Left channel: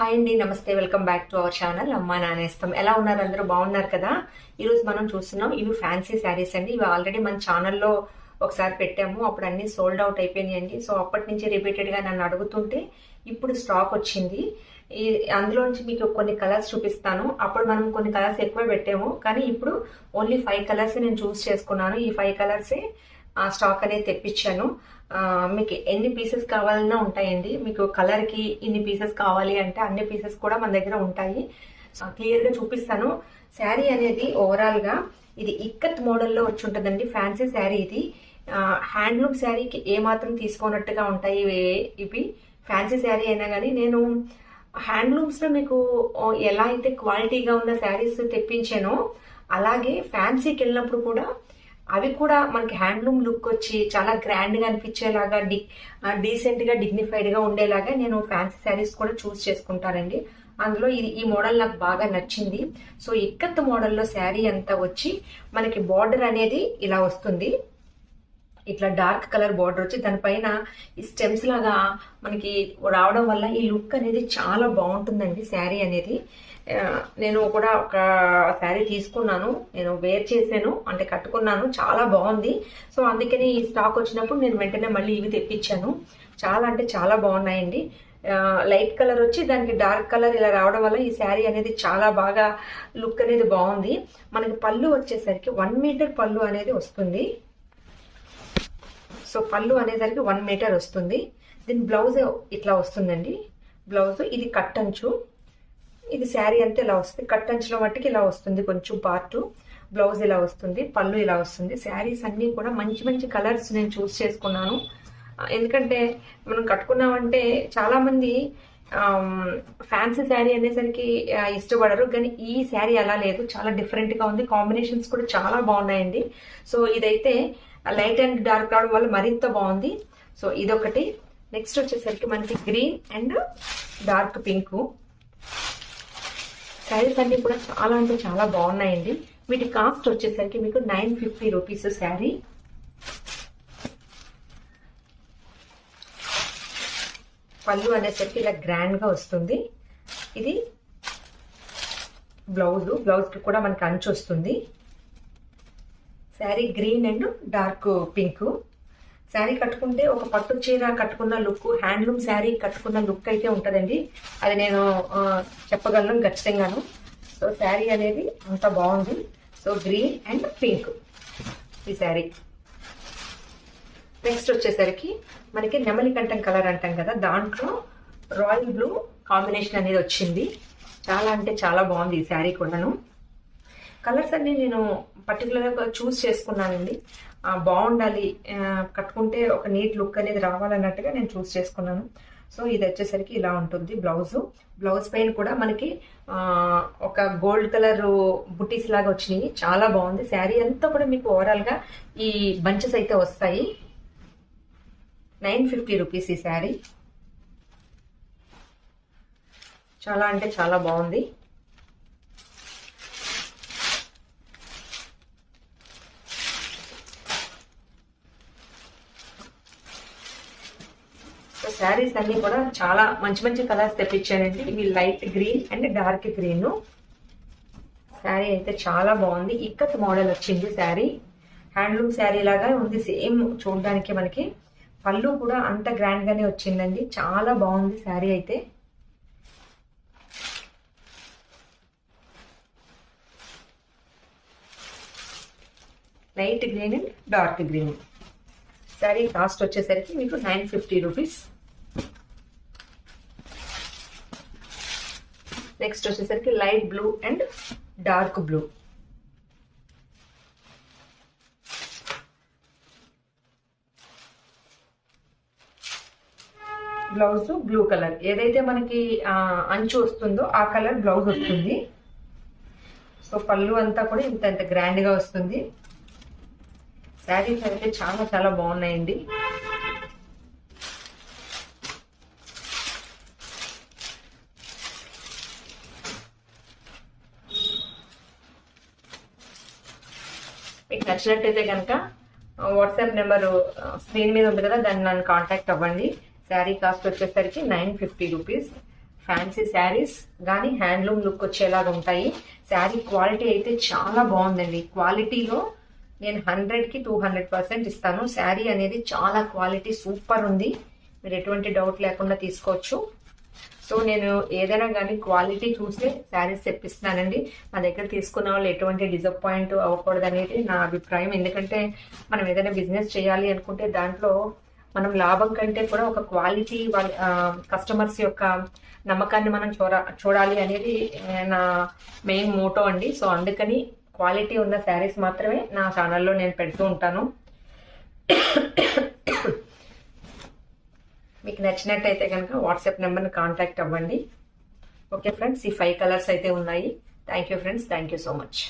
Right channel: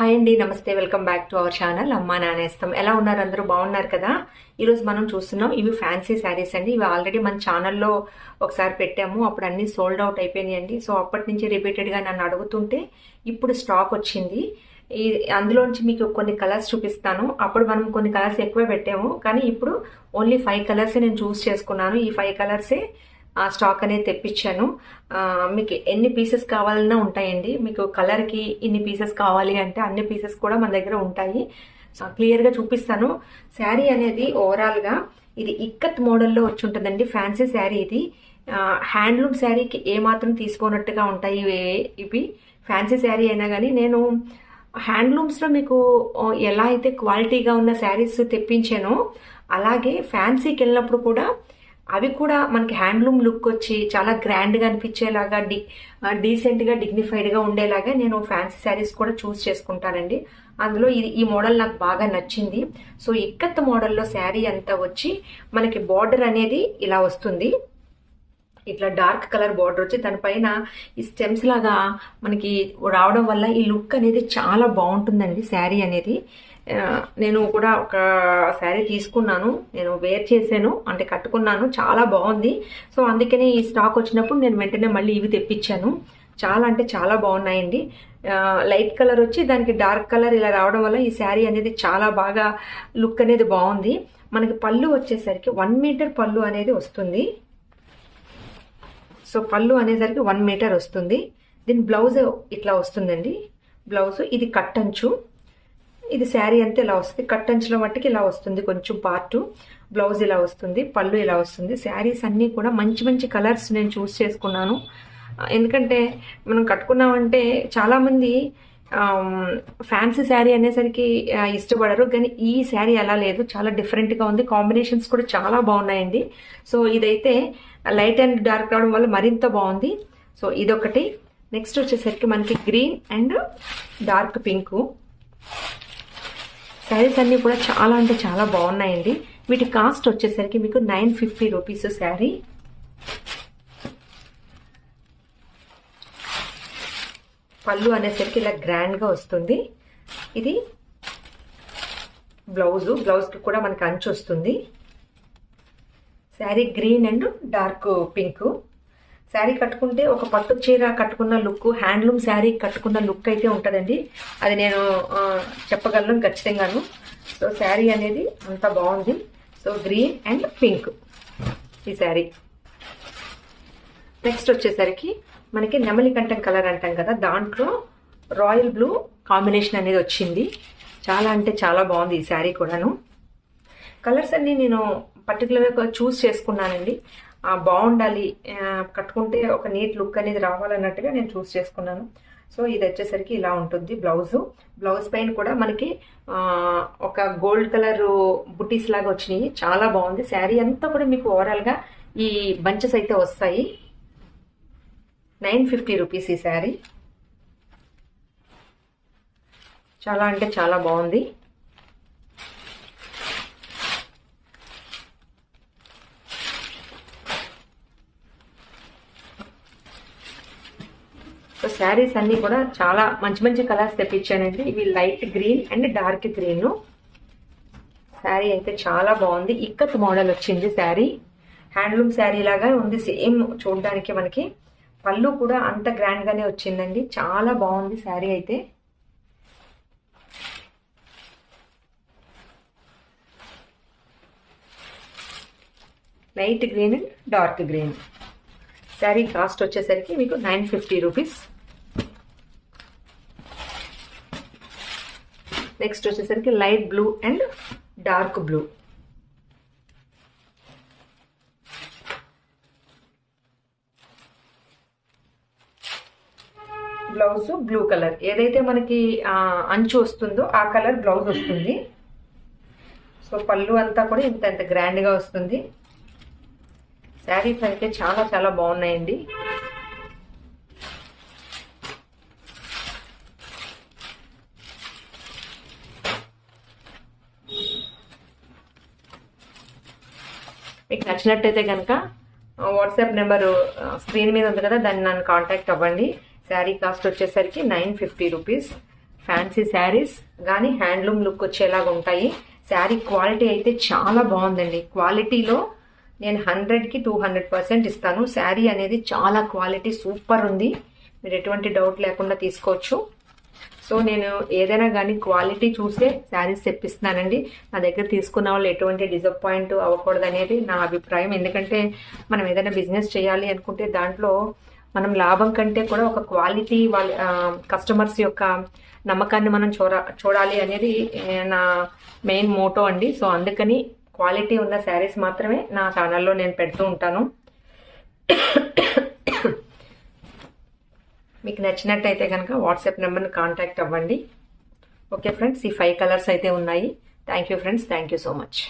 Hi అండి, నమస్తే. Welcome back to our channel అమ్మా నానేస్తాం. ఎలా ఉన్నారు? అందరూ బాగున్నారు కదా? ఈరోజు మనం చూస్తున్నాం ఇవి ఫ్యాన్సీ శారీస్ అండి. ఇవి ఆల్రెడీ మన ఛానల్లో ఒకసారి పెట్టాము, అప్పుడు అన్ని సోల్డ్ అవుట్ అయిపోయినాయండి. సో అప్పటి నుంచి రిపీటెడ్గా నన్ను అడుగుతుంటే ఇప్పుడు స్టాక్ వచ్చింది. ఈ అందులోంచి మీకు కొన్ని కలర్స్ చూపిస్తాను. అప్పుడు మనం కొన్ని కలర్స్ ఎక్కువ పెట్టాము, కానీ ఇప్పుడు ఓన్లీ 5 కలర్స్ నేను చూస్ చేసుకున్నాను. ఈ 5 కలర్సే స్టాక్ అనేది తెప్పించాను. మీకు ఎన్ని పీసెస్ కావాలన్నా ఉంటాయండి. మీకు కలర్కి ఇన్ని పీసెస్ కావాలి అంటే అన్ని పీసెస్ కూడా మన దగ్గర ఉంటాయి. క్లియర్గా చూపిస్తాను. శారీ అనేది ఓవరాల్గా ఇది ఇక్కత్ మోడల్లో వచ్చి ఉంటుందండి. ఫ్యాన్సీ శారీ ఇది. హ్యాండ్లూమ్ శారీకి ఏమాత్రం తీసుకోనట్టుగా ఉంటాయి ఇవి. ఫ్యాన్సీ శారీ అయినా కానీ నేను హ్యాండ్లూమ్స్లో మీకు ఎలా అయితే క్వాలిటీగా ఉన్న శారీస్ తెప్పించానో అలాగే ఫ్యాన్సీకి వెళ్ళినప్పుడు కూడా అవి కూడా మనకి హ్యాండ్లూమ్ లుక్ వచ్చి చాలా గ్రాండ్గా అనిపించేలాగా డీసెంట్గా డిగ్నిఫైడ్గా ఉండేలాగా నేను ఫ్యాన్సీ శారీస్ కూడా చూస్ చేసుకుంటానండి. అందులో ఈ మోడల్ నాకు బాగా నచ్చింది. సో ఇక్కత్ మోడల్లో శారీ అంతా వచ్చి మనకి బార్డర్ అనేది ఇలా వస్తుంది. ఇట్లా డార్క్ కలర్ బార్డర్ వచ్చి దానిపైన ఈ స్టెమ్స్ లాగా మనకి రావడం వల్ల ఈ లుక్ అనేది చాలా బాగుంటుందండి శారీ అనేది. నేను కూడా ఒక శారీ తీసుకున్నాను, నేను వేర్ చేశాను, అంటే కట్టుకున్నాను, చాలా బాగుంది. సో అందుకని ఈ స్టాక్ వచ్చినప్పుడు నేను వెంటనే మళ్ళీ ఇవి తెప్పించాను. చాలా అంటే చాలా బాగున్నాయండి. లైట్ కలర్ వచ్చి దానికి డార్క్ కలర్ ఇలా రావడం వల్ల ఈ శారీ అనేది చాలా బాగా లుక్ అనేది బాగుంది. మనకి పళ్ళు వచ్చేసరికి 1 మీటర్ పళ్ళు అనేది వస్తుంది. సో పళ్ళు అనేసరికి 1 మీటర్ వస్తుంది. దీని బ్లౌజ్ ఇట్లా వస్తుందండి. బ్లౌజ్ ఇది కట్టంచు, ఇది శారీ అంతా ఇలా వస్తుంది. కట్టంచుల మట్టికి ఇలా వస్తుంది కొంచెం పార్టు. బ్లౌజ్ ఇలా వస్తుంది, పళ్ళు ఇలా వస్తుంది. శారీస్ అన్నీ కూడా మంచి మంచి కలర్స్ నేను చూస్ చేసుకున్నాను. ఎందుకంటే మనం కట్టుకున్నామంటే చాలామంది ఫ్యాన్సీ శారీ అనేసరికి ఇష్టపడరు, కానీ ఈ శారీ అలా లేదు, చాలా డిఫరెంట్గా ఉంది. కాంబినేషన్స్ కూడా చాలా బాగున్నాయండి. సో ఇదైతే లైట్ అండ్ డార్క్ రావడం వల్ల మరింత బాగుంది. సో ఇదొకటి. నెక్స్ట్ వచ్చేసరికి మనకి green and dark pink saris అన్నీ కూడా చాలా అంటే చాలా బాగున్నాయండి. వీటి కాస్ట్ వచ్చేసరికి మీకు 950 రూపీస్ శారీ. పళ్ళు అనేసరికి ఇలా గ్రాండ్గా వస్తుంది. ఇది బ్లౌజ్కి కూడా మనకి అంచు వస్తుంది. Sari green and dark pink. Sari కట్టుకుంటే ఒక పట్టు చీర కట్టుకున్న లుక్, హ్యాండ్లూమ్ శారీ కట్టుకున్న లుక్ అయితే ఉంటుందండి. అది నేను చెప్పగలను ఖచ్చితంగాను. సో శారీ అనేది అంత బాగుంది. సో గ్రీన్ అండ్ పింక్ ఈ శారీ. నెక్స్ట్ వచ్చేసరికి మనకి నెమలికంఠం కలర్ అంటాం కదా, దాంట్లో రాయల్ బ్లూ కాంబినేషన్ అనేది వచ్చింది. చాలా అంటే చాలా బాగుంది ఈ శారీ కూడాను. కలర్స్ అన్నీ నేను పర్టికులర్గా చూస్ చేసుకున్నానండి. బాగుండాలి, కట్టుకుంటే ఒక నీట్ లుక్ అనేది రావాలన్నట్టుగా నేను చూస్ చేసుకున్నాను. సో ఇది వచ్చేసరికి ఇలా ఉంటుంది. బ్లౌజ్ పైన కూడా మనకి ఒక గోల్డ్ కలర్ బుటీస్ లాగా వచ్చినాయి, చాలా బాగుంది. శారీ అంతా కూడా మీకు ఓవరాల్గా ఈ బంచెస్ అయితే వస్తాయి. 950 రూపీస్ ఈ శారీ. చాలా అంటే చాలా బాగుంది. సో శారీస్ అన్నీ కూడా చాలా మంచి మంచి కలర్స్ తెప్పించానండి. ఇవి light green and dark green. Sari అయితే చాలా బాగుంది. ఇక్కత్ మోడల్ వచ్చింది శారీ. హ్యాండ్లూమ్ శారీ లాగా ఉంది సేమ్ చూడడానికి. మనకి పళ్ళు కూడా అంత గ్రాండ్గానే వచ్చిందండి. చాలా బాగుంది శారీ అయితే. Light green and dark green. Sari cost వచ్చేసరికి మీకు 950 రూపీస్. నెక్స్ట్ వచ్చేసరికి light blue and dark blue. Blouse blue colour, ఏదైతే మనకి అంచు వస్తుందో ఆ కలర్ బ్లౌజ్ వస్తుంది. సో పళ్ళు అంతా కూడా ఇంత గ్రాండ్గా వస్తుంది. శారీస్ అయితే చాలా చాలా బాగున్నాయండి. మీకు నచ్చినట్టయితే కనుక వాట్సాప్ నెంబర్ స్క్రీన్ మీద ఉంది కదా, దాన్ని నన్ను కాంటాక్ట్ అవ్వండి. శారీ కాస్ట్ వచ్చేసరికి 950 రూపీస్. ఫ్యాన్సీ శారీస్ కానీ హ్యాండ్లూమ్ లుక్ వచ్చేలాగా ఉంటాయి. శారీ క్వాలిటీ అయితే చాలా బాగుందండి. క్వాలిటీలో నేను 100కి 200% ఇస్తాను. శారీ అనేది చాలా క్వాలిటీ సూపర్ ఉంది. మీరు ఎటువంటి డౌట్ లేకుండా తీసుకోవచ్చు. సో నేను ఏదైనా కానీ క్వాలిటీ చూసే శారీస్ తెప్పిస్తున్నానండి. నా దగ్గర తీసుకున్న వాళ్ళు ఎటువంటి డిసప్పాయింట్ అవ్వకూడదు అనేది నా అభిప్రాయం. ఎందుకంటే మనం ఏదైనా బిజినెస్ చేయాలి అనుకుంటే దాంట్లో మనం లాభం కంటే కూడా ఒక క్వాలిటీ వాళ్ళ కస్టమర్స్ యొక్క నమ్మకాన్ని మనం చూడాలి అనేది నా మెయిన్ మోటో అండి. సో అందుకని క్వాలిటీ ఉన్న శారీస్ మాత్రమే నా ఛానల్లో నేను పెడుతూ ఉంటాను. మీకు నచ్చినట్టయితే కనుక వాట్సాప్ నెంబర్ని కాంటాక్ట్ అవ్వండి. ఓకే ఫ్రెండ్స్, ఈ 5 కలర్స్ అయితే ఉన్నాయి. Thank you friends, thank you so much.